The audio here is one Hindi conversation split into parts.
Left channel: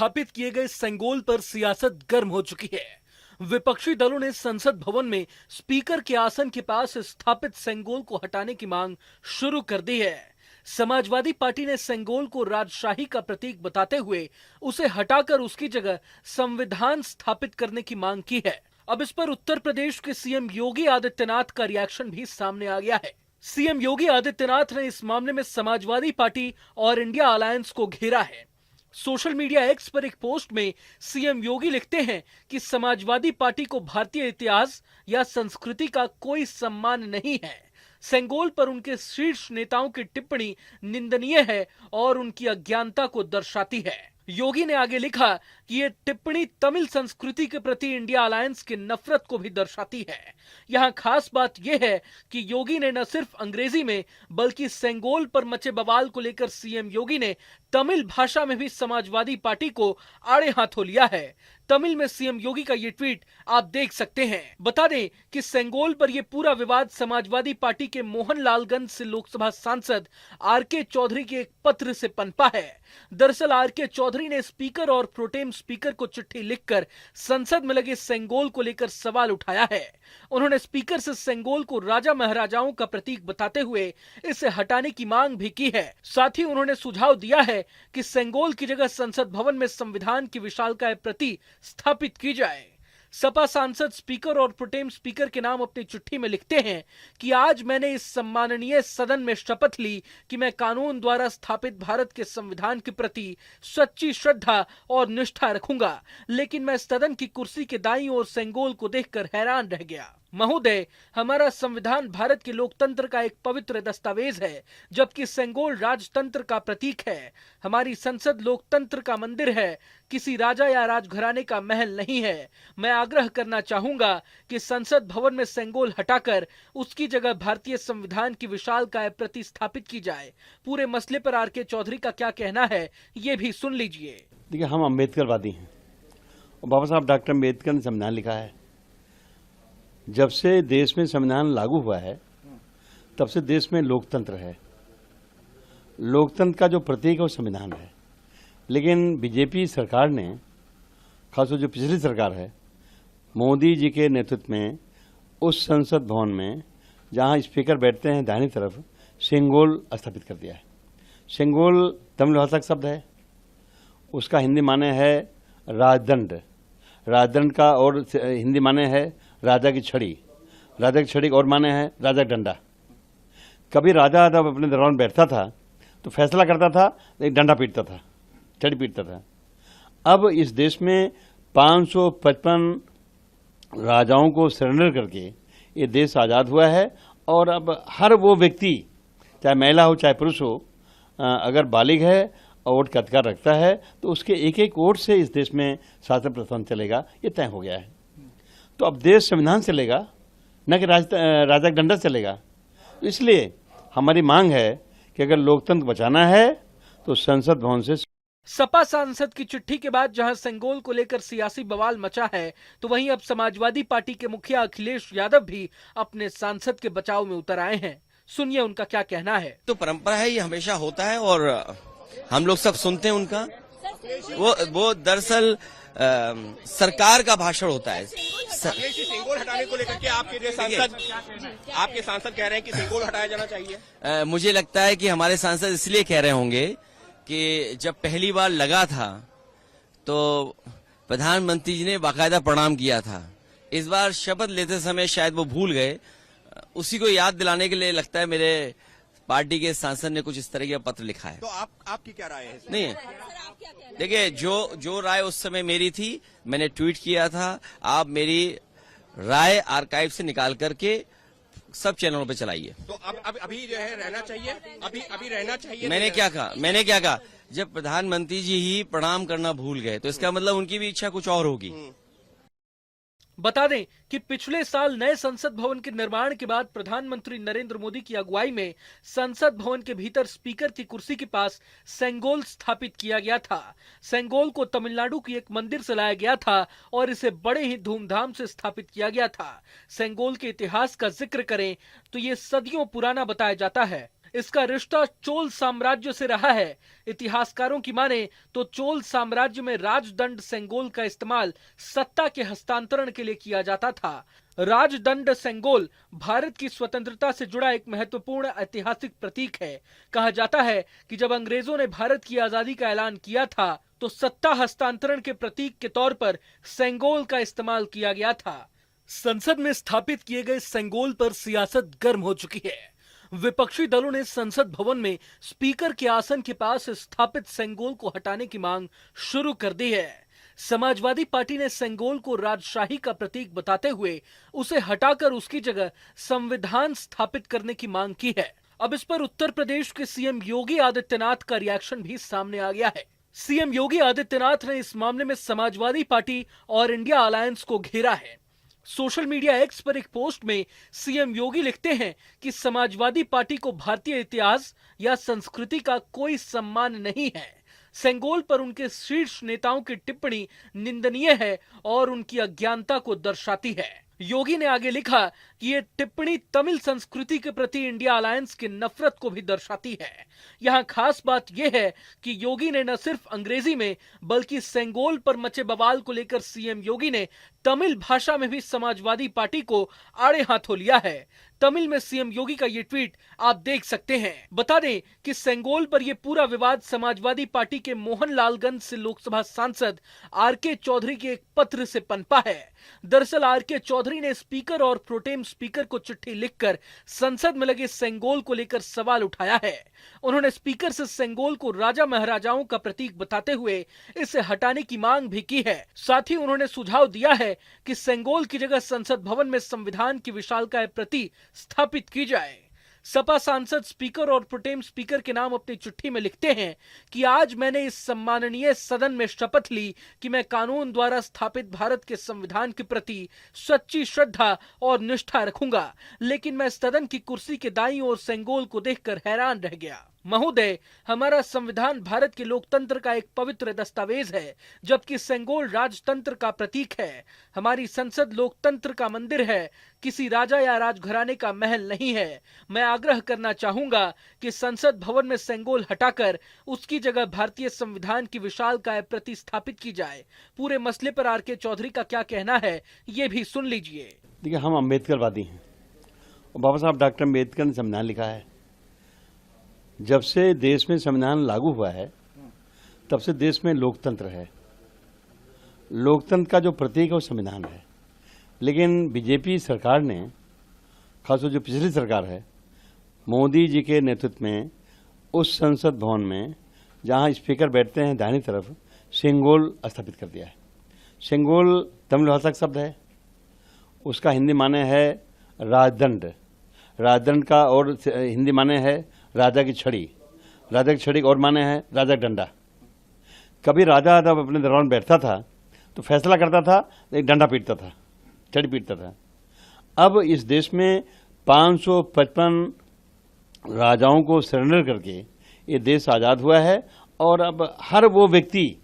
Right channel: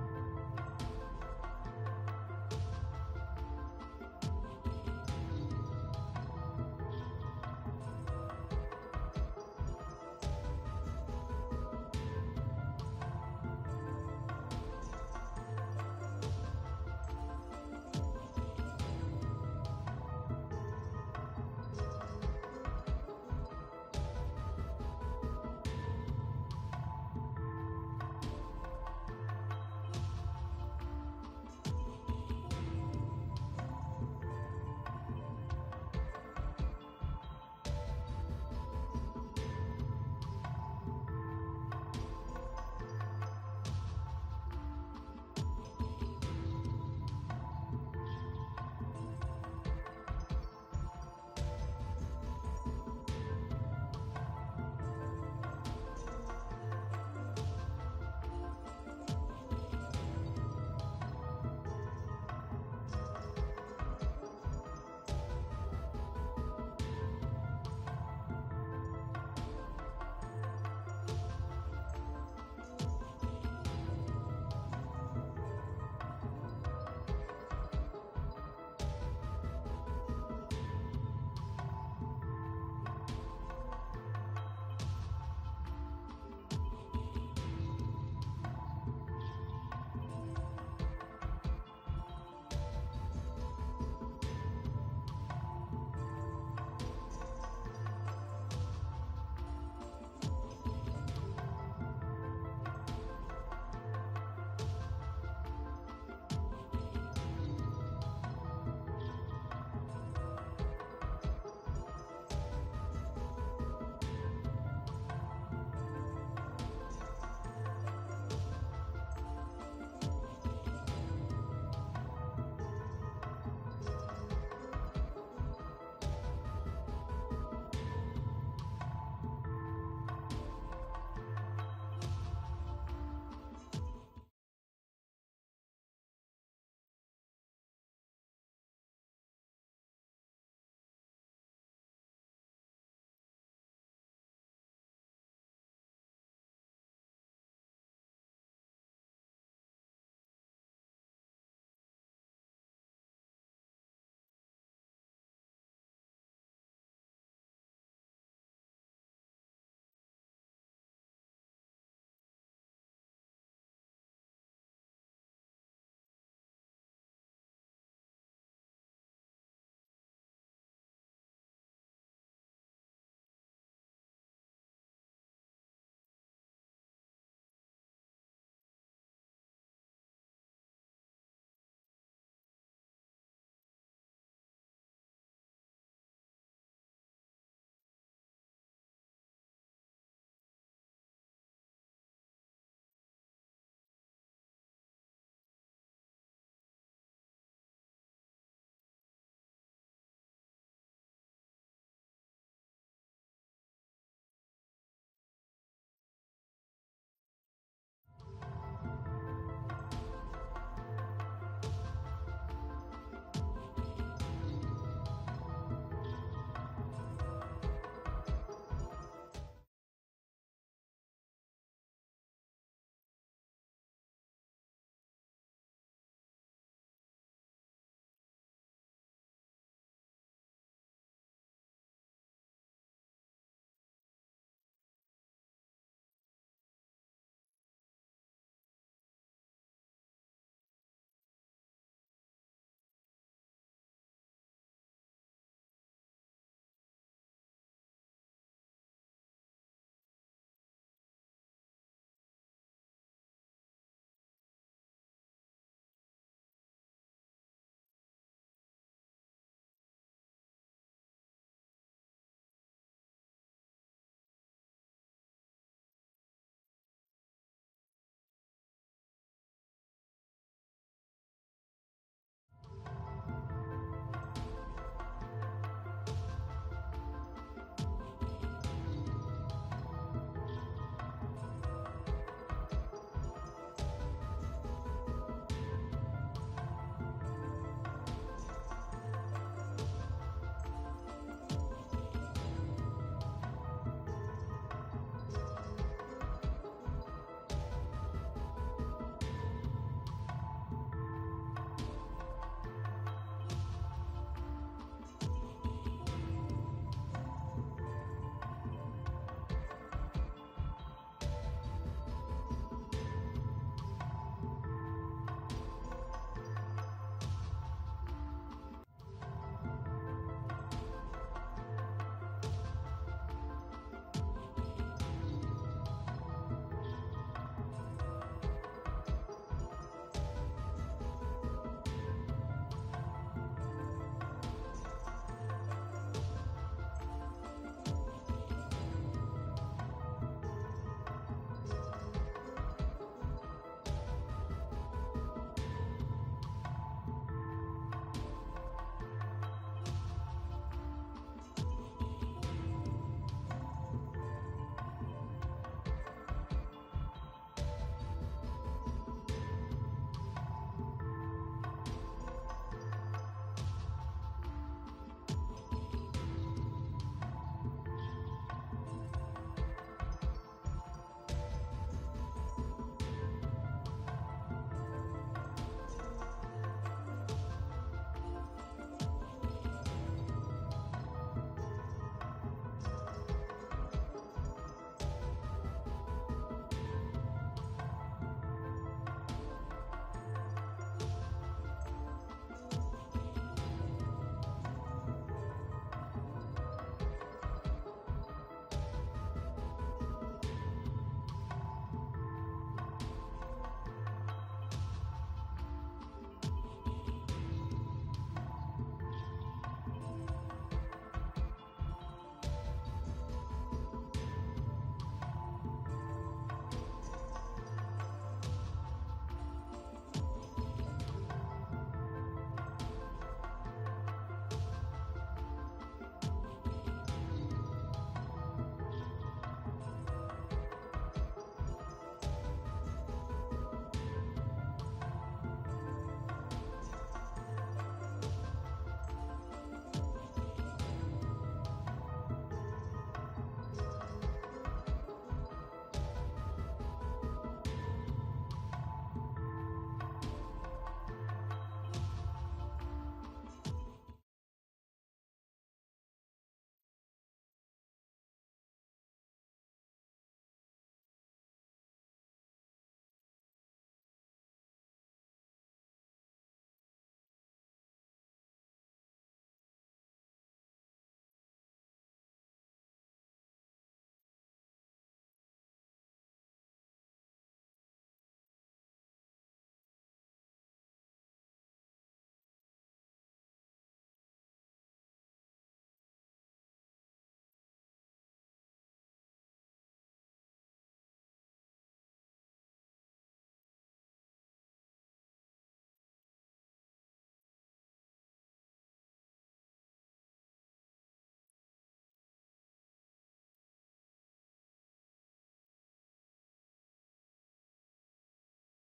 स्थापित किए गए सेंगोल पर सियासत गर्म हो चुकी है। विपक्षी दलों ने संसद भवन में स्पीकर के आसन के पास स्थापित सेंगोल को हटाने की मांग शुरू कर दी है। समाजवादी पार्टी ने सेंगोल को राजशाही का प्रतीक बताते हुए उसे हटाकर उसकी जगह संविधान स्थापित करने की मांग की है। अब इस पर उत्तर प्रदेश के सीएम योगी आदित्यनाथ का रिएक्शन भी सामने आ गया है। सीएम योगी आदित्यनाथ ने इस मामले में समाजवादी पार्टी और इंडिया अलायंस को घेरा है। सोशल मीडिया एक्स पर एक पोस्ट में सीएम योगी लिखते हैं कि समाजवादी पार्टी को भारतीय इतिहास या संस्कृति का कोई सम्मान नहीं है। सेंगोल पर उनके शीर्ष नेताओं की टिप्पणी निंदनीय है और उनकी अज्ञानता को दर्शाती है। योगी ने आगे लिखा कि ये टिप्पणी तमिल संस्कृति के प्रति इंडिया अलायंस की नफरत को भी दर्शाती है। यहाँ खास बात यह है कि योगी ने न सिर्फ अंग्रेजी में बल्कि सेंगोल पर मचे बवाल को लेकर सीएम योगी ने तमिल भाषा में भी समाजवादी पार्टी को आड़े हाथों लिया है। तमिल में सीएम योगी का ये ट्वीट आप देख सकते हैं। बता दें कि सेंगोल पर ये पूरा विवाद समाजवादी पार्टी के मोहनलालगंज से लोकसभा सांसद आर.के. चौधरी के एक पत्र से पनपा है। दरअसल आर.के. चौधरी ने स्पीकर और प्रोटेम स्पीकर को चिट्ठी लिखकर संसद में लगे सेंगोल को लेकर सवाल उठाया है। उन्होंने स्पीकर से सेंगोल को राजा महाराजाओं का प्रतीक बताते हुए इसे हटाने की मांग भी की है। साथ ही उन्होंने सुझाव दिया है कि सेंगोल की जगह संसद भवन में संविधान की विशालकाय प्रति स्थापित की जाए। सपा सांसद स्पीकर और प्रोटेम स्पीकर के नाम अपनी चिट्ठी में लिखते हैं कि आज मैंने इस सम्माननीय सदन में शपथ ली कि मैं कानून द्वारा स्थापित भारत के संविधान के प्रति सच्ची श्रद्धा और निष्ठा रखूंगा, लेकिन मैं सदन की कुर्सी के दाईं ओर सेंगोल को देखकर हैरान रह गया। महोदय, हमारा संविधान भारत के लोकतंत्र का एक पवित्र दस्तावेज है, जबकि सेंगोल राजतंत्र का प्रतीक है। हमारी संसद लोकतंत्र का मंदिर है, किसी राजा या राजघराने का महल नहीं है। मैं आग्रह करना चाहूंगा कि संसद भवन में सेंगोल हटाकर उसकी जगह भारतीय संविधान की विशालकाय प्रति स्थापित की जाए। पूरे मसले पर आर.के. चौधरी का क्या कहना है, ये भी सुन लीजिए। देखिए, हम अम्बेडकरवादी हैं और बाबा साहब डॉक्टर अम्बेडकर ने संविधान लिखा है। जब से देश में संविधान लागू हुआ है तब से देश में लोकतंत्र है। लोकतंत्र का जो प्रतीक है वो संविधान है। लेकिन बीजेपी सरकार ने, खासतौर जो पिछली सरकार है, मोदी जी के नेतृत्व में उस संसद भवन में जहां स्पीकर बैठते हैं दाहिनी तरफ, सेंगोल स्थापित कर दिया है। सेंगोल तमिल भाषा का शब्द है, उसका हिंदी माने है राजदंड। राजदंड का और हिंदी माने है राजा की छड़ी। राजा की छड़ी और माने है राजा का डंडा। कभी राजा जब अपने दरबार में बैठता था तो फैसला करता था, एक डंडा पीटता था, छड़ी पीटता था। अब इस देश में 555 राजाओं को सरेंडर करके ये देश आज़ाद हुआ है और अब हर वो व्यक्ति, चाहे महिला हो चाहे पुरुष हो, अगर बालिग है और वोट का अधिकार रखता है तो उसके एक एक वोट से इस देश में शासन प्रशासन चलेगा, ये तय हो गया है। तो अब देश संविधान चलेगा, न कि राजा का डंडा चलेगा। इसलिए हमारी मांग है कि अगर लोकतंत्र बचाना है तो संसद भवन से। सपा सांसद की चिट्ठी के बाद जहां सेंगोल को लेकर सियासी बवाल मचा है, तो वहीं अब समाजवादी पार्टी के मुखिया अखिलेश यादव भी अपने सांसद के बचाव में उतर आए हैं। सुनिए उनका क्या कहना है। तो परंपरा है, ये हमेशा होता है और हम लोग सब सुनते हैं उनका। वो दरअसल सरकार का भाषण होता है। सेंगोल हटाने को लेकर के आपके सांसद कह रहे हैं कि सेंगोल हटाया जाना चाहिए। मुझे लगता है कि हमारे सांसद इसलिए कह रहे होंगे कि जब पहली बार लगा था तो प्रधानमंत्री जी ने बाकायदा प्रणाम किया था। इस बार शपथ लेते समय शायद वो भूल गए, उसी को याद दिलाने के लिए लगता है मेरे पार्टी के सांसद ने कुछ इस तरह का पत्र लिखा है। तो आपकी क्या राय है? नहीं, देखिए, जो राय उस समय मेरी थी मैंने ट्वीट किया था। आप मेरी राय आर्काइव से निकाल करके सब चैनलों पे चलाइए। तो अब अभी जो है रहना चाहिए, अभी रहना चाहिए। मैंने क्या कहा? जब प्रधानमंत्री जी ही प्रणाम करना भूल गए तो इसका मतलब उनकी भी इच्छा कुछ और होगी। बता दें कि पिछले साल नए संसद भवन के निर्माण के बाद प्रधानमंत्री नरेंद्र मोदी की अगुवाई में संसद भवन के भीतर स्पीकर की कुर्सी के पास सेंगोल स्थापित किया गया था। सेंगोल को तमिलनाडु की एक मंदिर से लाया गया था और इसे बड़े ही धूमधाम से स्थापित किया गया था। सेंगोल के इतिहास का जिक्र करें तो ये सदियों पुराना बताया जाता है। इसका रिश्ता चोल साम्राज्य से रहा है। इतिहासकारों की माने तो चोल साम्राज्य में राजदंड सेंगोल का इस्तेमाल सत्ता के हस्तांतरण के लिए किया जाता था। राजदंड सेंगोल भारत की स्वतंत्रता से जुड़ा एक महत्वपूर्ण ऐतिहासिक प्रतीक है। कहा जाता है कि जब अंग्रेजों ने भारत की आजादी का ऐलान किया था तो सत्ता हस्तांतरण के प्रतीक के तौर पर सेंगोल का इस्तेमाल किया गया था। संसद में स्थापित किए गए सेंगोल पर सियासत गर्म हो चुकी है। विपक्षी दलों ने संसद भवन में स्पीकर के आसन के पास स्थापित सेंगोल को हटाने की मांग शुरू कर दी है। समाजवादी पार्टी ने सेंगोल को राजशाही का प्रतीक बताते हुए उसे हटाकर उसकी जगह संविधान स्थापित करने की मांग की है। अब इस पर उत्तर प्रदेश के सीएम योगी आदित्यनाथ का रिएक्शन भी सामने आ गया है। सीएम योगी आदित्यनाथ ने इस मामले में समाजवादी पार्टी और इंडिया अलायंस को घेरा है। सोशल मीडिया एक्स पर एक पोस्ट में सीएम योगी लिखते हैं कि समाजवादी पार्टी को भारतीय इतिहास या संस्कृति का कोई सम्मान नहीं है। सेंगोल पर उनके शीर्ष नेताओं की टिप्पणी निंदनीय है और उनकी अज्ञानता को दर्शाती है। योगी ने आगे लिखा कि ये टिप्पणी तमिल संस्कृति के प्रति इंडिया अलायंस की नफरत को भी दर्शाती है। यहाँ खास बात यह है कि योगी ने न सिर्फ अंग्रेजी में बल्कि सेंगोल पर मचे बवाल को लेकर सीएम योगी ने तमिल भाषा में भी समाजवादी पार्टी को आड़े हाथों लिया है। तमिल में सीएम योगी का ये ट्वीट आप देख सकते हैं। बता दें कि सेंगोल पर ये पूरा विवाद समाजवादी पार्टी के मोहनलालगंज से लोकसभा सांसद आर.के. चौधरी के एक पत्र से पनपा है। दरअसल आर.के. चौधरी ने स्पीकर और प्रोटेम स्पीकर को चिट्ठी लिखकर संसद में लगे सेंगोल को लेकर सवाल उठाया है। उन्होंने स्पीकर से सेंगोल को राजा महाराजाओं का प्रतीक बताते हुए इसे हटाने की मांग भी की है। साथ ही उन्होंने सुझाव दिया है कि सेंगोल की जगह संसद भवन में संविधान की विशालकाय प्रति स्थापित की जाए। सपा सांसद स्पीकर और प्रोटेम स्पीकर के नाम अपनी चिट्ठी में लिखते हैं कि आज मैंने इस सम्माननीय सदन में शपथ ली कि मैं कानून द्वारा स्थापित भारत के संविधान के प्रति सच्ची श्रद्धा और निष्ठा रखूंगा, लेकिन मैं सदन की कुर्सी के दाईं ओर सेंगोल को देखकर हैरान रह गया। महोदय, हमारा संविधान भारत के लोकतंत्र का एक पवित्र दस्तावेज है, जबकि सेंगोल राजतंत्र का प्रतीक है। हमारी संसद लोकतंत्र का मंदिर है, किसी राजा या राजघराने का महल नहीं है। मैं आग्रह करना चाहूंगा कि संसद भवन में सेंगोल हटाकर उसकी जगह भारतीय संविधान की विशालकाय प्रतिस्थापित की जाए। पूरे मसले पर आर.के. चौधरी का क्या कहना है, ये भी सुन लीजिए। देखिए, हम अम्बेडकरवादी हैं और बाबा साहब डॉक्टर अम्बेडकर ने संविधान लिखा है। जब से देश में संविधान लागू हुआ है तब से देश में लोकतंत्र है। लोकतंत्र का जो प्रतीक है वो संविधान है। लेकिन बीजेपी सरकार ने, खासतौर जो पिछली सरकार है, मोदी जी के नेतृत्व में उस संसद भवन में जहां स्पीकर बैठते हैं दाहिनी तरफ, सेंगोल स्थापित कर दिया है। सेंगोल तमिल भाषा का शब्द है, उसका हिंदी माने है राजदंड। राजदंड का और हिंदी माने है राजा की छड़ी। राजा की छड़ी और माने है राजा का डंडा। कभी राजा जब अपने दरबार में बैठता था तो फैसला करता था, एक डंडा पीटता था, छड़ी पीटता था। अब इस देश में 555 राजाओं को सरेंडर करके ये देश आज़ाद हुआ है और अब हर वो व्यक्ति,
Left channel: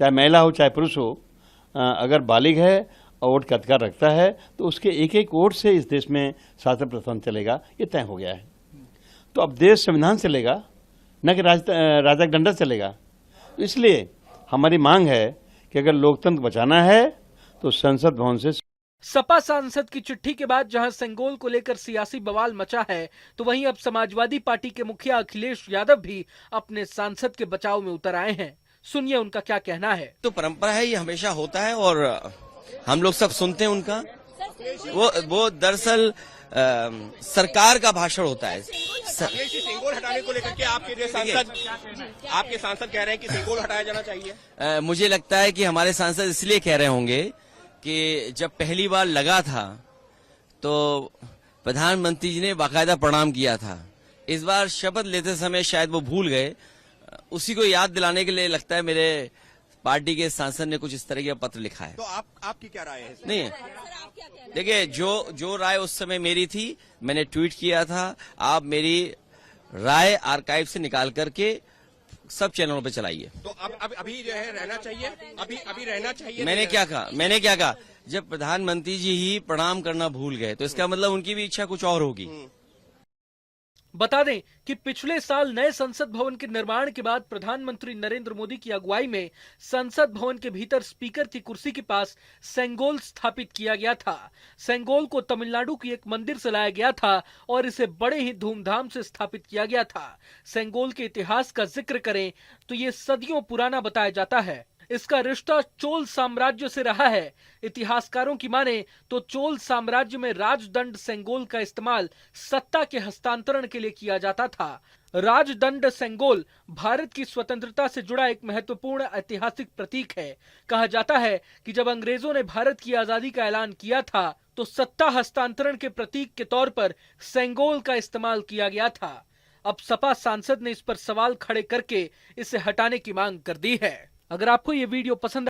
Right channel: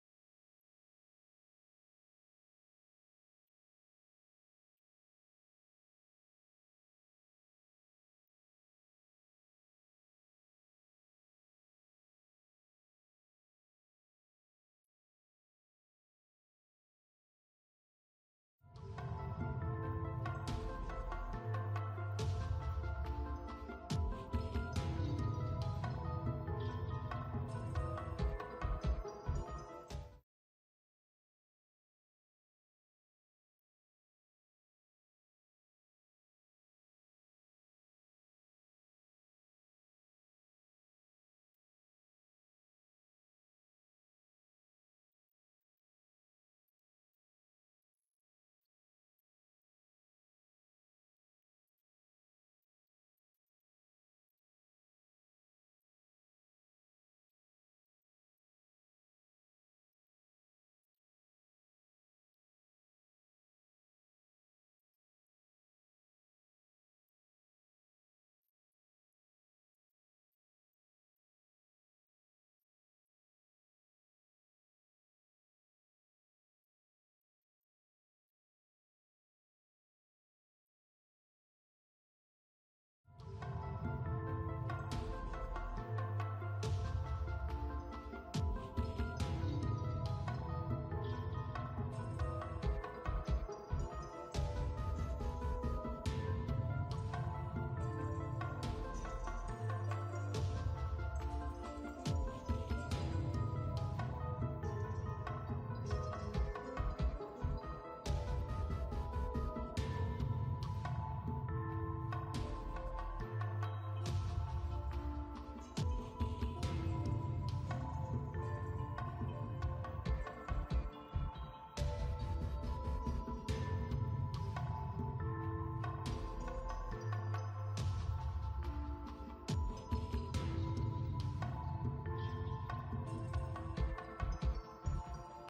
चाहे महिला हो चाहे पुरुष हो, अगर बालिग है और वोट का अधिकार रखता है तो उसके एक एक वोट से इस देश में शासन प्रशासन चलेगा, ये तय हो गया है। तो अब देश संविधान चलेगा, न कि राजा का डंडा चलेगा। इसलिए हमारी मांग है कि अगर लोकतंत्र बचाना है तो संसद भवन से। सपा सांसद की चिट्ठी के बाद जहां सेंगोल को लेकर सियासी बवाल मचा है, तो वहीं अब समाजवादी पार्टी के मुखिया अखिलेश यादव भी अपने सांसद के बचाव में उतर आए हैं। सुनिए उनका क्या कहना है। तो परंपरा है, ये हमेशा होता है और हम लोग सब सुनते हैं उनका। वो दरअसल सरकार का भाषण होता है। सेंगोल हटाने को लेकर के आपके सांसद कह रहे हैं कि सेंगोल हटाया जाना चाहिए। मुझे लगता है कि हमारे सांसद इसलिए कह रहे होंगे कि जब पहली बार लगा था तो प्रधानमंत्री जी ने बाकायदा प्रणाम किया था। इस बार शपथ लेते समय शायद वो भूल गए। उसी को याद दिलाने के लिए लगता है मेरे पार्टी के सांसद ने कुछ इस तरह का पत्र लिखा है। तो आपकी क्या राय है? नहीं, देखिए, जो राय उस समय मेरी थी, मैंने ट्वीट किया था। आप मेरी राय आर्काइव से निकाल करके सब चैनलों पे चलाइए। तो अभी जो है रहना चाहिए, अभी रहना चाहिए। मैंने क्या कहा जब प्रधानमंत्री जी ही प्रणाम करना भूल गए तो इसका मतलब उनकी भी इच्छा कुछ और होगी। बता दें कि पिछले साल नए संसद भवन के निर्माण के बाद प्रधानमंत्री नरेंद्र मोदी की अगुवाई में संसद भवन के भीतर स्पीकर की कुर्सी के पास सेंगोल स्थापित किया गया था। सेंगोल को तमिलनाडु की एक मंदिर से लाया गया था और इसे बड़े ही धूमधाम से स्थापित किया गया था। सेंगोल के इतिहास का जिक्र करें तो ये सदियों पुराना बताया जाता है। इसका रिश्ता चोल साम्राज्य से रहा है। इतिहासकारों की माने तो चोल साम्राज्य में राजदंड सेंगोल का इस्तेमाल सत्ता के हस्तांतरण के लिए किया जाता था। राजदंड सेंगोल भारत की स्वतंत्रता से जुड़ा एक महत्वपूर्ण ऐतिहासिक प्रतीक है। कहा जाता है कि जब अंग्रेजों ने भारत की आजादी का ऐलान किया था तो सत्ता हस्तांतरण के प्रतीक के तौर पर सेंगोल का इस्तेमाल किया गया था। अब सपा सांसद ने इस पर सवाल खड़े करके इसे हटाने की मांग कर दी है। अगर आपको ये वीडियो पसंद